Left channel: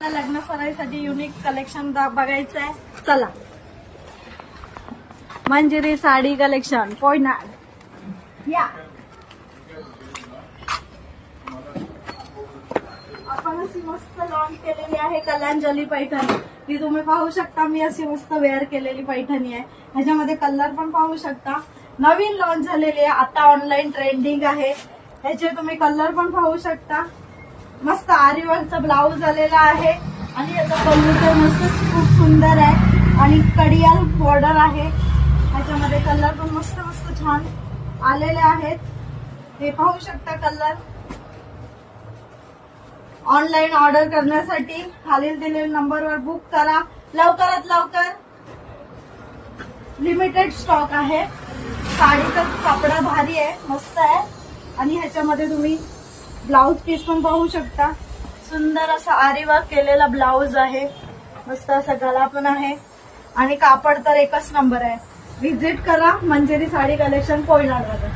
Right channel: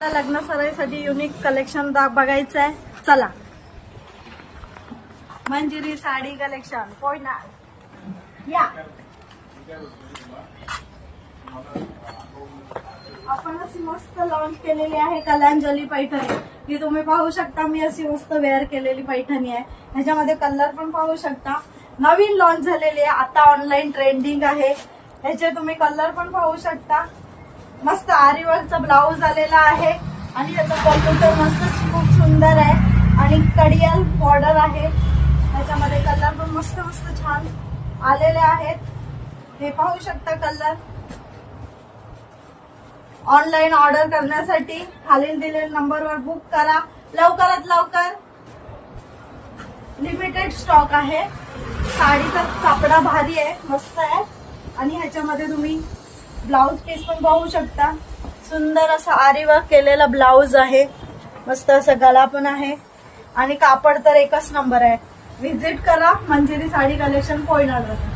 लग्न सराईसाठी unique collection बघायचं आहे. चला, मंजिरी साडी कलेक्शन कोयना या. आपण अशी मस्त लॉन्च केलेली आहे कलांजली पैठणी. ती तुम्ही पाहू शकता. मी अशी मस्त वेअर केलेली पैठणी आहे. ह्याच्यामध्ये कलर पण पाहू शकता. नवीन लॉन्च झालेली आहे, आता ऑनलाईन ट्रेंडिंग आहे. ह्याचे तुम्ही कलर पण पाहू शकता. मस्त आरीवर्कचा ब्लाऊज आलेला आहे आणि याचा पल्लू तर मस्त खूप सुंदर आहे आणि कडियाल बॉर्डर आहे. ह्याच्यामध्ये कलर पण मस्त मस्त छान आलेले आहेत. हे पाहू शकता कलर. ऑनलाईन ऑर्डर करण्यासाठी खालील दिलेल्या नंबरवर बुक करा. लवकरात लवकर. लिमिटेड स्टॉक आहे. साडीचा कापडा भारी आहे, मस्त आहे. आणि ह्याच्यामध्ये तुम्ही ब्लाऊज पीस पण पाहू शकता. सुंदर असं आरी वर्क केलेला ब्लाऊज आहे. मस्त असा गळा पण आहे आणि कापड तर एकच नंबर आहे. व्हिजिट करा मंजिरी साडी कलेक्शन कोयनामध्ये.